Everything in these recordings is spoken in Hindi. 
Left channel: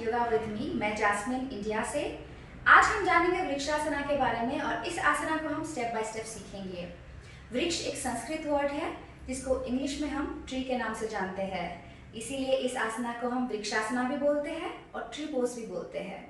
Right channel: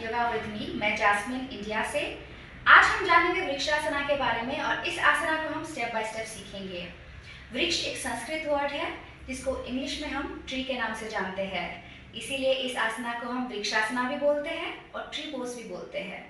Yoga with me. मैं जैस्मिन इंडिया से। आज हम जानेंगे वृक्षासना के बारे में और इस आसना को हम स्टेप बाय स्टेप सीखेंगे। वृक्ष एक संस्कृत वर्ड है जिसको इंग्लिश में हम ट्री के नाम से जानते हैं, इसीलिए इस आसना को हम वृक्षासना भी बोलते हैं और ट्री पोज भी बोलते हैं।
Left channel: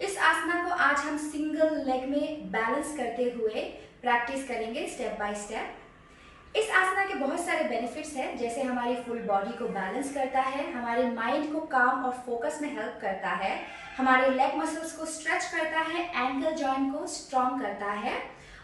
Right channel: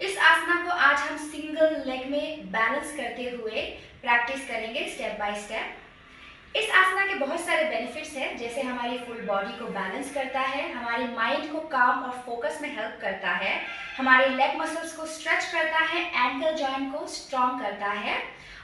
इस आसना को आज हम सिंगल लेग में बैलेंस करते हुए प्रैक्टिस करेंगे स्टेप बाय स्टेप। इस आसना के बहुत सारे बेनिफिट्स हैं, जैसे हमारी फुल बॉडी को बैलेंस करता है, हमारे माइंड को काम और फोकस में हेल्प करता है, हमारे लेग मसल्स को स्ट्रेच करता है, एंकल जॉइंट को स्ट्रॉन्ग करता है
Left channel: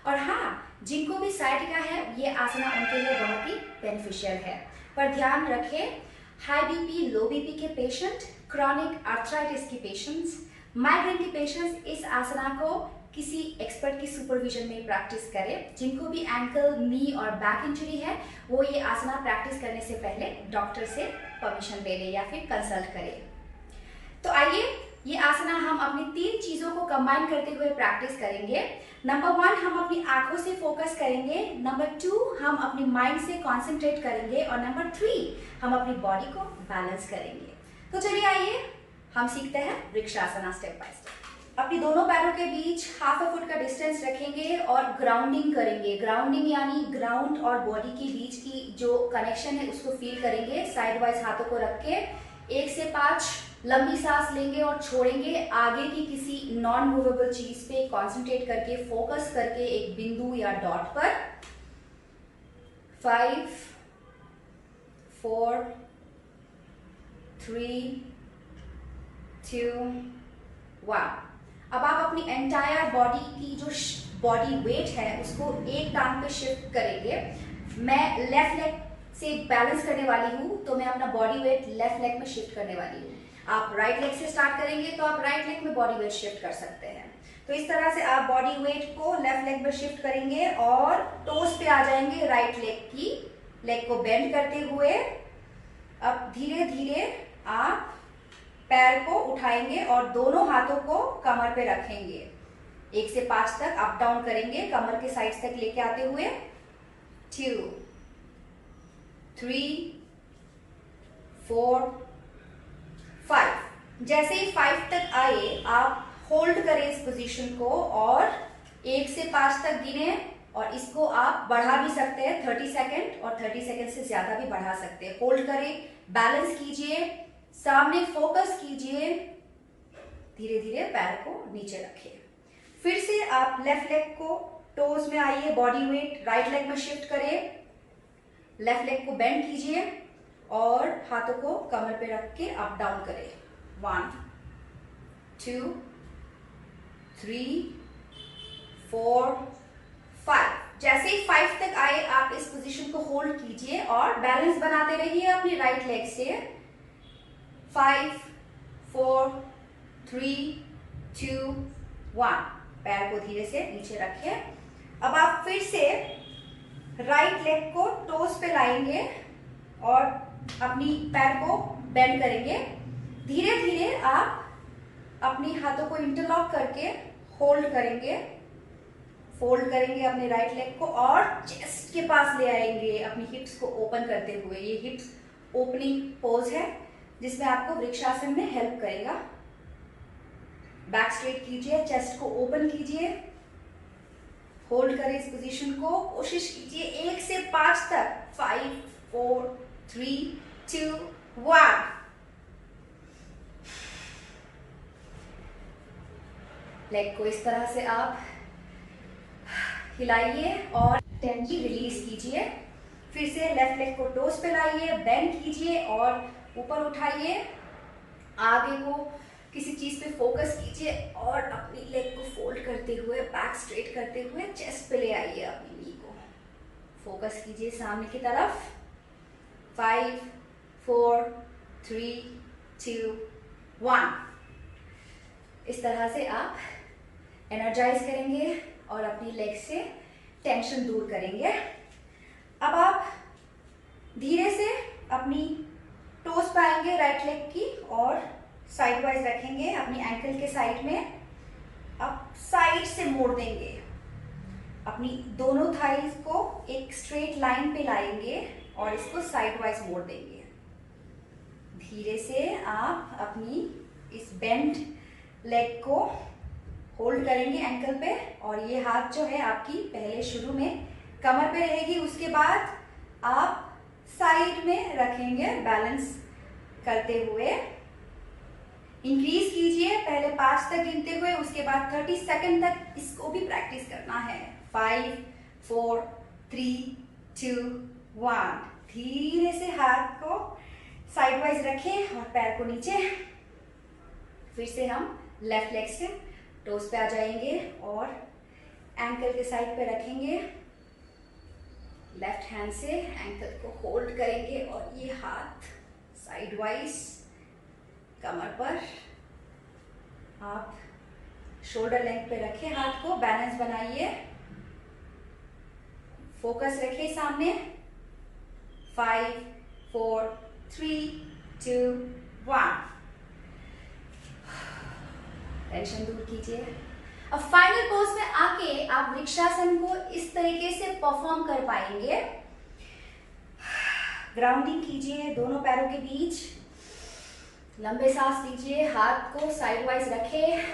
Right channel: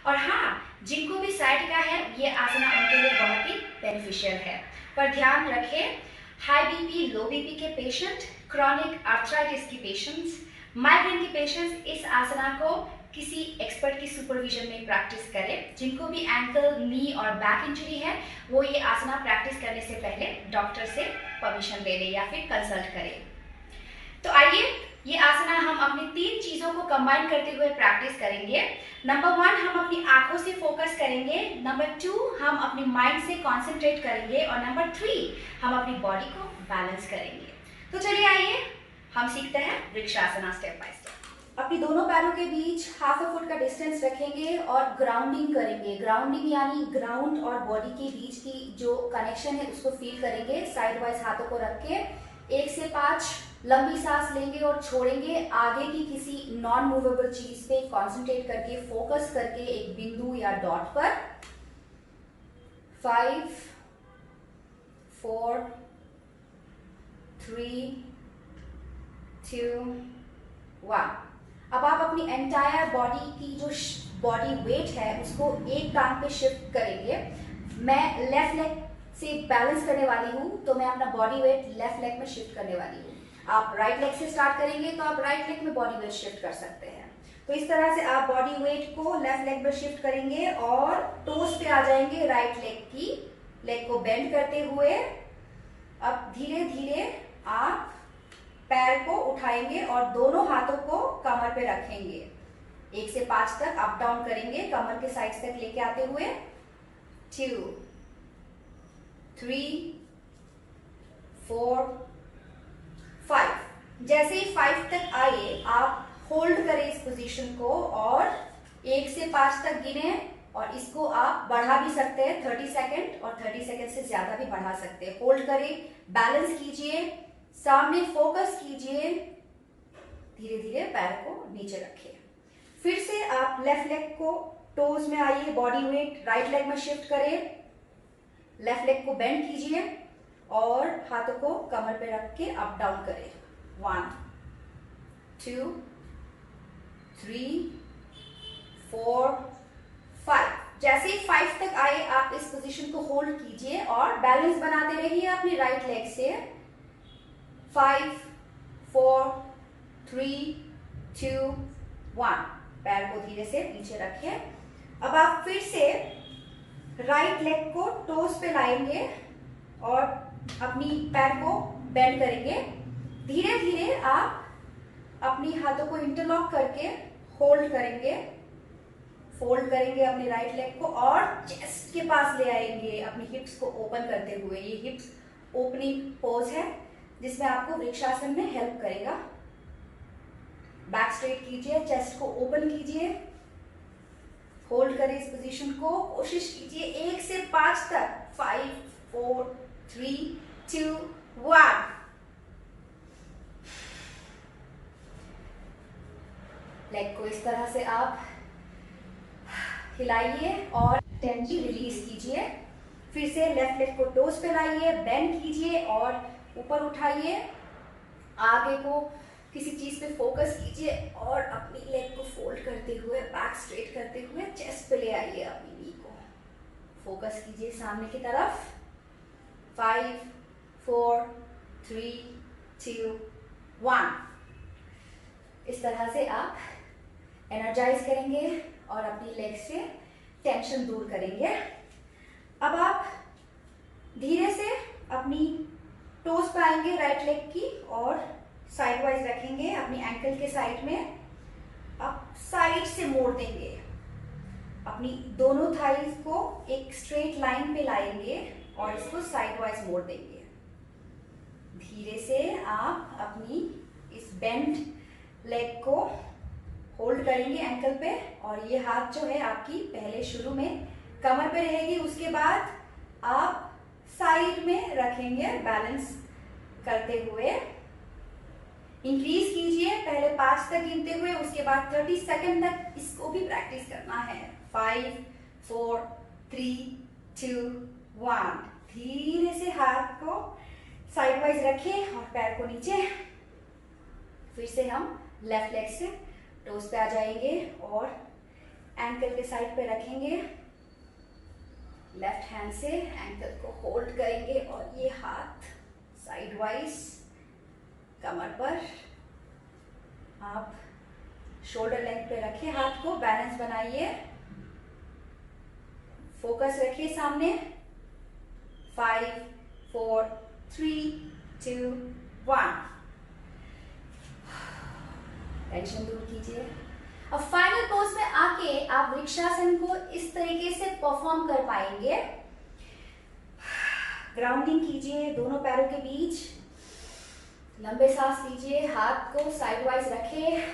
और हाँ, जिनको भी साइटिका है ये आसना उनके लिए बहुत ही बेनिफिशियल है। पर ध्यान रखें, हाई बीपी, लो बीपी के पेशेंट, क्रॉनिक आर्थराइटिस की पेशेंट्स, माइग्रेन की पेशेंट्स इस आसना को किसी एक्सपर्ट की सुपरविजन में प्रैक्टिस करें। जिनको भी एंकल, नी और बैक इंजरी है वो ये आसना प्रैक्टिस करने से पहले डॉक्टर से परमिशन ले लें या फिर कंसल्ट करें। तो आइए, ये आसना हम अपनी 3 चीज़ों को कंबाइन करते हुए प्रैक्टिस करेंगे। नंबर 1, हम अपनी आंखों से फोकस करेंगे। नंबर 2, हम अपनी माइंड से कॉन्सेंट्रेट करेंगे और नंबर 3, हम अपनी बॉडी को बैलेंस करेंगे। तो चलिए आइए हम सीखते हैं वृक्षासना स्टेप बाय स्टेप। अपनी दोनों पैरों के बीच ½ फुट का डिस्टेंस रखेंगे और ग्राउंडिंग करेंगे। ग्राउंडिंग यानी ग्राउंड और बॉडी के बीच की जो कनेक्शन है उसको फील करेंगे। साइड वाइज हाथों को रख के 1 से 5 लंबी सांस लेंगे और छोड़ेंगे। आगे की किसी नॉन मूवेबल चीज पे कॉन्सेंट्रेट करके, फोकस करके एक बिंदु या डॉट पर। 5 4 3 2 1। अब आप अपनी एंटायर बॉडी की जो बॉडी वेट है उसको एक टांग पे शिफ्ट करेंगे। मैं लेफ्ट लेग से बैलेंस करने वाली हूँ, तो मैं अपना बॉडी वेट लेफ्ट लेग में शिफ्ट करने वाली हूँ। आप राइट लेग से स्टार्ट करेंगे तो आप राइट लेग में बॉडी वेट शिफ्ट कर सकते हैं। तो इस तरह से आप बॉडी वेट को लेफ्ट लेग में शिफ्ट करेंगे और टोस पे आ जाएंगे राइट लेग की। लेग को बेंड करते हुए अब धीरे धीरे आप पैर को उठाएंगे और दोनों हाथों को कमर पे रखेंगे। 1 से 5 तक अप डाउन करेंगे, कमर के साइड तक लेके आते हुए। 2 3 4 5। जैसे ही 5 तक आए आप होल्ड करें इस पोजीशन को और 1 से 5 तक गिने और इसको आप बढ़ा भी सकते हैं 30 सेकेंड और 30 सेकेंड से ज्यादा भी बढ़ा सकते हैं। होल्ड करें, बैलेंस कीजिए, सामने फोकस कीजिए, धीरे धीरे पैर को नीचे रखिए। फिर से आप लेफ्ट लेग को टोज में आइए, बॉडी वेट राइट लेग में शिफ्ट करें, लेफ्ट लेग को बेंड कीजिए और हाथों को कमर पे रख के अप डाउन करें। 1 2 3 4 5। जैसे ही 5 तक आए आप इस पोजीशन को होल्ड कीजिए और बैलेंस बनाते रहिए अपनी राइट लेग से। 5 4 3 2 1। पैर को धीरे से नीचे रखें। अब आप फिर से राइट लेग को टोस पे लाएंगे और अपनी पैर को बेंड करेंगे। धीरे धीरे आप अपनी हाथों को इंटरलॉक करके होल्ड करेंगे, फोल्ड करेंगे अपने राइट लेग को और चेस्ट के पास ले आएंगे अपनी हिप्स को ओपन करते हुए। ये हिप्स ओपनिंग पोज है जिसमें आपको वृक्षासन में हेल्प करेगा। बैक स्ट्रेट कीजिए, चेस्ट को ओपन कीजिए, होल्ड करें इस पोजीशन को। कोशिश कीजिए 1 से 5 तक। 5 4 3 2 1। लेग को इस तरह से आप हिलाइए और टेंशन रिलीज कीजिए। फिर से लेफ्ट लेग को टोस पे लाइए, बेंड कीजिए और ऊपर उठाइए। आगे को किसी चीज पे फोकस कीजिए और अपनी लेग को फोल्ड करते हुए, बैक स्ट्रेट करते हुए चेस्ट पे ले आइए अपनी नी को। फोकस कीजिए सामने की तरफ। 5 4 3 2 1। इस तरह से आप एनर्जाइज करेंगे और अपनी लेग से टेंशन दूर करेंगे। अब आप धीरे से अपनी टोस पे आएंगे राइट लेग की और साइड वाइज रखेंगे अपनी एंकल के साइड में। अब साइड से मोड़ देंगे, अपनी दोनों थाइज को एक स्ट्रेट लाइन पे लाएंगे और इसको साइड वाइज मोड़ देंगे। धीरे से आप अपनी इस बेंड लेग को होल्ड करेंगे एंकल पे, और ये हाथ जो है आपकी पहले शुरू में कमर पे रहेगी, उसके बाद आप साइड में रखेंगे बैलेंस करते हुए। इंक्रीज कीजिए पहले 5 तक गिनते हुए, उसके बाद 30 सेकंड तक इसको भी प्रैक्टिस करना है। 5 4 3 2 1। धीरे से हाथ को साइड वाइज रखें और पैर को नीचे। फिर से हम लेफ्ट लेग से टोस पे आ जाएंगे और एंकल के साइड पे रखेंगे। लेफ्ट हैंड से एंकल को होल्ड करेंगे और ये हाथ साइड वाइज कमर पर, आप शोल्डर लेंथ पे रखें हाथ को, बैलेंस बनाइए, फोकस रखिए सामने। 5 4 3 2 1। टेंशन दूर कीजिए। अब फाइनल पोज में आके आप वृक्षासन को इस तरीके से परफॉर्म कर पाएंगे। ग्राउंडिंग कीजिए दोनों पैरों के बीच, लंबे सांस लीजिए, हाथ को साइड वाइज रखें,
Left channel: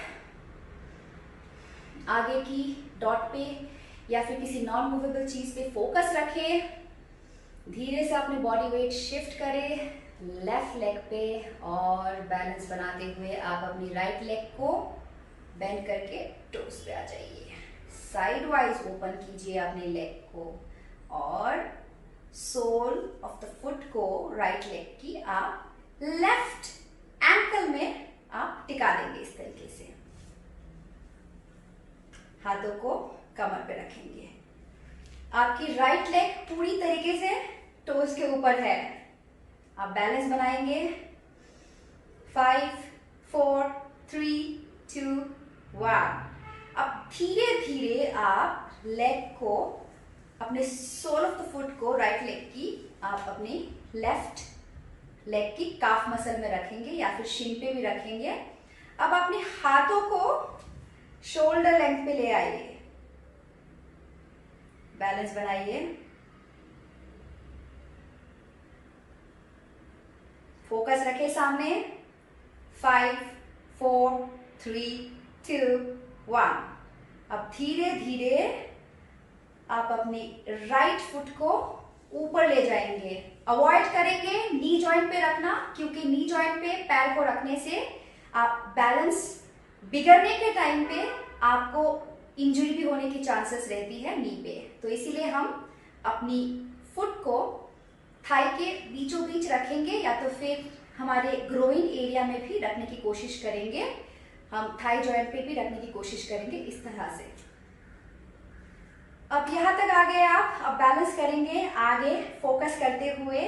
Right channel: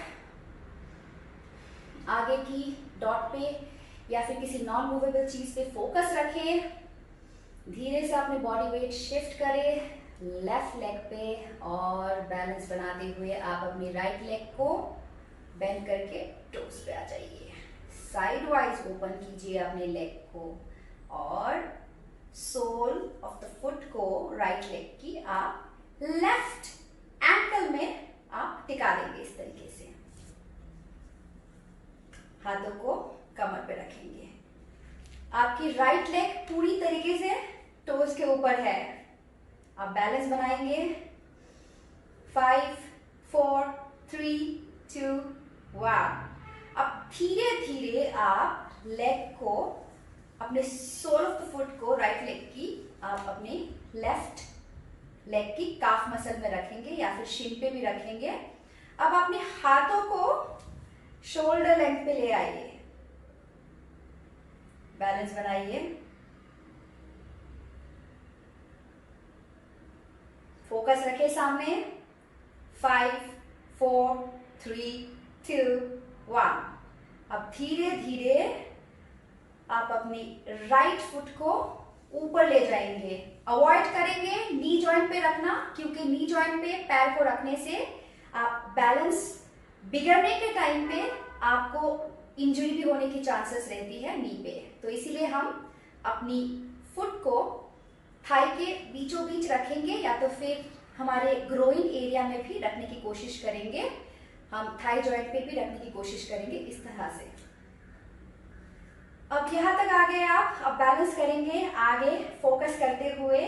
आगे की डॉट पे या फिर किसी नॉन मूवेबल चीज पे फोकस रखें। धीरे से अपने बॉडी वेट शिफ्ट करें लेफ्ट लेग पे और बैलेंस बनाते हुए आप अपनी राइट लेग को बेंड करके टोस पे आ जाइए। साइड वाइज ओपन कीजिए अपने लेग को और सोल ऑफ द फुट को राइट लेग की आप लेफ्ट एंकल में आप टिका देंगे। इस तरीके से हाथों को कमर पे रखेंगे। आपकी राइट लेग पूरी तरीके से टोस के ऊपर है। आप बैलेंस बनाएंगे। 5 4 3 2 1। अब धीरे धीरे आप लेग को, अपने सोल ऑफ द फुट को, राइट लेग की आप अपने लेफ्ट लेग की काफ मसल में रखेंगे या फिर शिन पे भी रखेंगे। अब अपने हाथों को शोल्डर लेंथ पे ले आइए, बैलेंस बनाइए, फोकस रखें सामने। 5 4 3 2 1। अब धीरे धीरे आप अपनी राइट फुट को ऊपर ले जाएंगे। अवॉइड करेंगे नी जॉइंट पे रखना, क्योंकि नी जॉइंट पे पैर को रखने से आप बैलेंस बिगड़ने के टाइम पे आपको इंजरी भी होने की चांसेस रहती है नी पे। तो इसीलिए हम अपनी फुट को थाई के बीचों बीच रखेंगे या तो फिर हमारे ग्रोइंग एरिया में भी रखने की कोशिश करेंगे। हम थाई जॉइंट पे भी रखने की कोशिश करेंगे इस तरह से। अब यहां तक आ गए आप। अब बैलेंस करेंगे आगे फोकस करते हुए।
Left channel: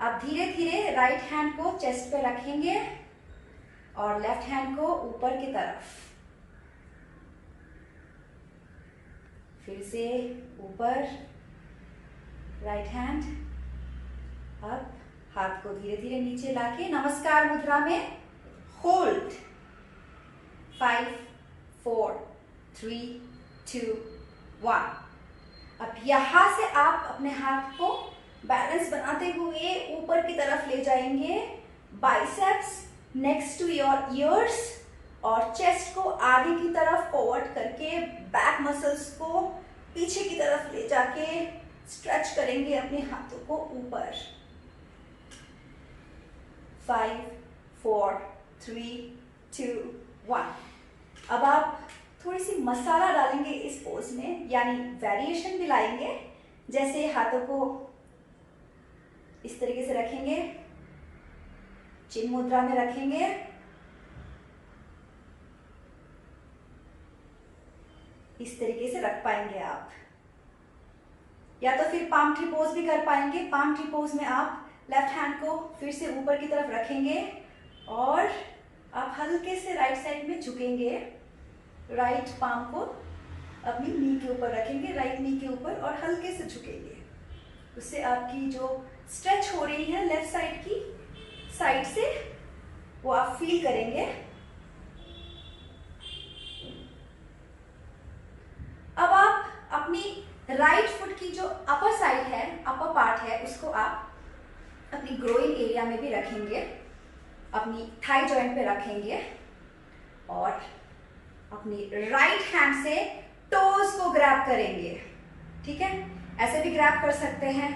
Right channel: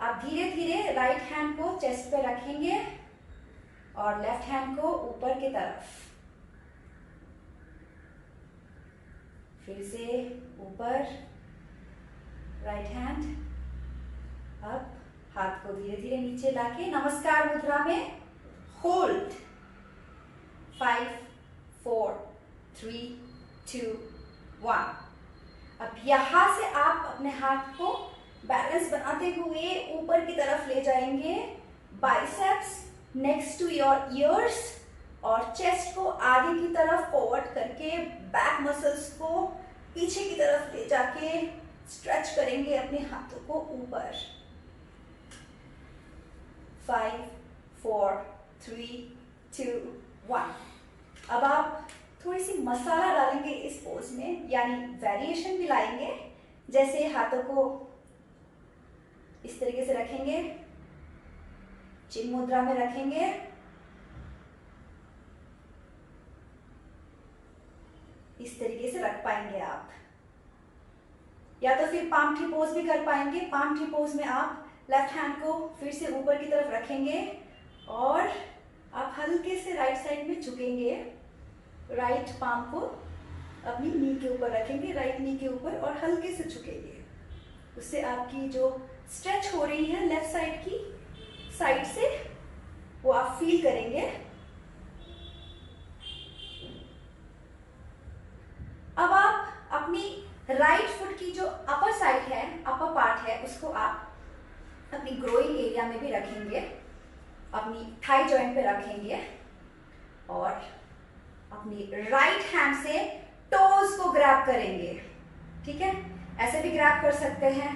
आप धीरे धीरे राइट हैंड को चेस्ट पे रखेंगे और लेफ्ट हैंड को ऊपर की तरफ, फिर से ऊपर राइट हैंड। अब हाथ को धीरे धीरे नीचे लाके नमस्कार मुद्रा में होल्ड। 5 4 3 2 1। अब यहां से आप अपने हाथ को बैलेंस बनाते हुए ऊपर की तरफ ले जाएंगे। Biceps next to your ears और चेस्ट को आगे की तरफ फॉरवर्ड करके बैक मसल्स को पीछे की तरफ ले जाके स्ट्रेच करेंगे अपने हाथों को ऊपर। 5 4 3 2 1। अब आप थोड़ी सी मसाला डालेंगे इस पोज में, यानी वेरिएशन भी लाएंगे। जैसे हाथों को इस तरीके से रखेंगे, चिन मुद्रा में रखेंगे, इस तरीके से रख पाएंगे आप। या तो फिर पाम ट्री पोज भी कर पाएंगे। पाम ट्री पोज में आप लेफ्ट हैंड को फिर से ऊपर की तरफ रखेंगे और आप हल्के से राइट साइड में झुकेंगे। राइट पाम को अपनी नी के ऊपर रखेंगे, राइट नी के ऊपर, और हल्के से झुकेंगे। उससे आपकी जो स्ट्रेच हो रही है लेफ्ट साइड की साइड से, वो आप फील करेंगे। अब आप अपनी राइट फुट की जो अपर साइड है, अपर पार्ट है, उसको आप अपनी ग्रोइंग एरिया में भी रखेंगे अपनी थाई जॉइंट पे रखेंगे और अपनी राइट हैंड से टोज को ग्रैब करेंगे। ठीक है, ऐसे भी ग्रैब कर सकते हैं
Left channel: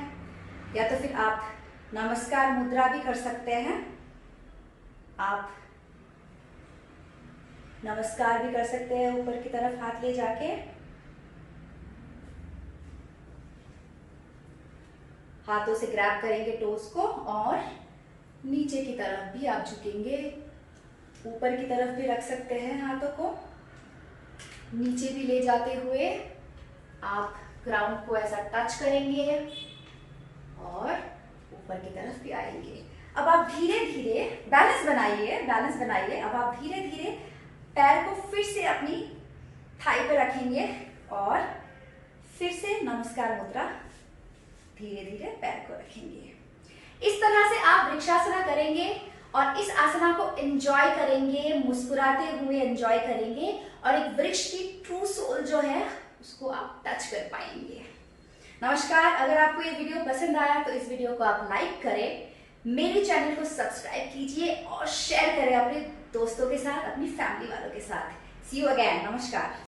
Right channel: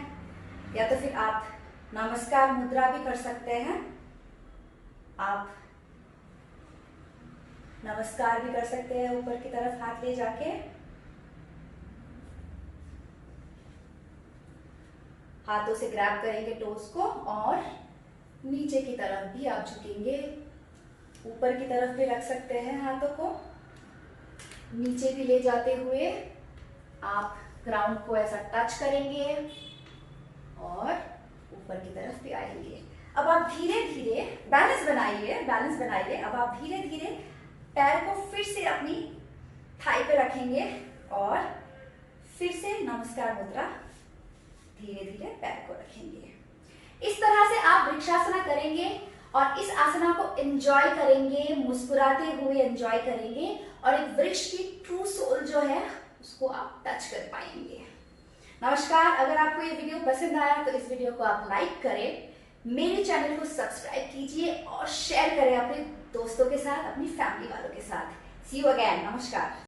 या तो फिर आप नमस्कार मुद्रा भी कर सकते हैं। आप नमस्कार भी कर सकते हैं, ऊपर की तरफ हाथ ले जाके। हाथों से ग्रैब करेंगे टोस को और नीचे की तरफ भी आप झुकेंगे, ऊपर की तरफ भी रख सकते हैं। हाथों को नीचे भी ले जाते हुए आप ग्राउंड को ऐसा टच करेंगे और ऊपर की तरफ भी आएंगे। अब आप धीरे धीरे बैलेंस बनाइए। अब आप धीरे धीरे पैर को फिर से अपनी थाई पे रखेंगे और फिर से नमस्कार मुद्रा, धीरे धीरे पैर को रखेंगे। इस तरह से आप वृक्षासना करेंगे और इस आसना को एंजॉय करेंगे, मुस्कुराते हुए एंजॉय करेंगे और एक वृक्ष की ट्रू सोल जो है उसको आप टच कर पाएंगे। नमस्कार, अगर आपको ये वीडियो पसंद आया तो इस वीडियो को आप लाइक करें, मेरे चैनल को सब्सक्राइब कीजिए और शेयर करें अपने दोस्तों के साथ, अपनी फैमिली वालों के साथ। सी यू अगेन। नमस्कार।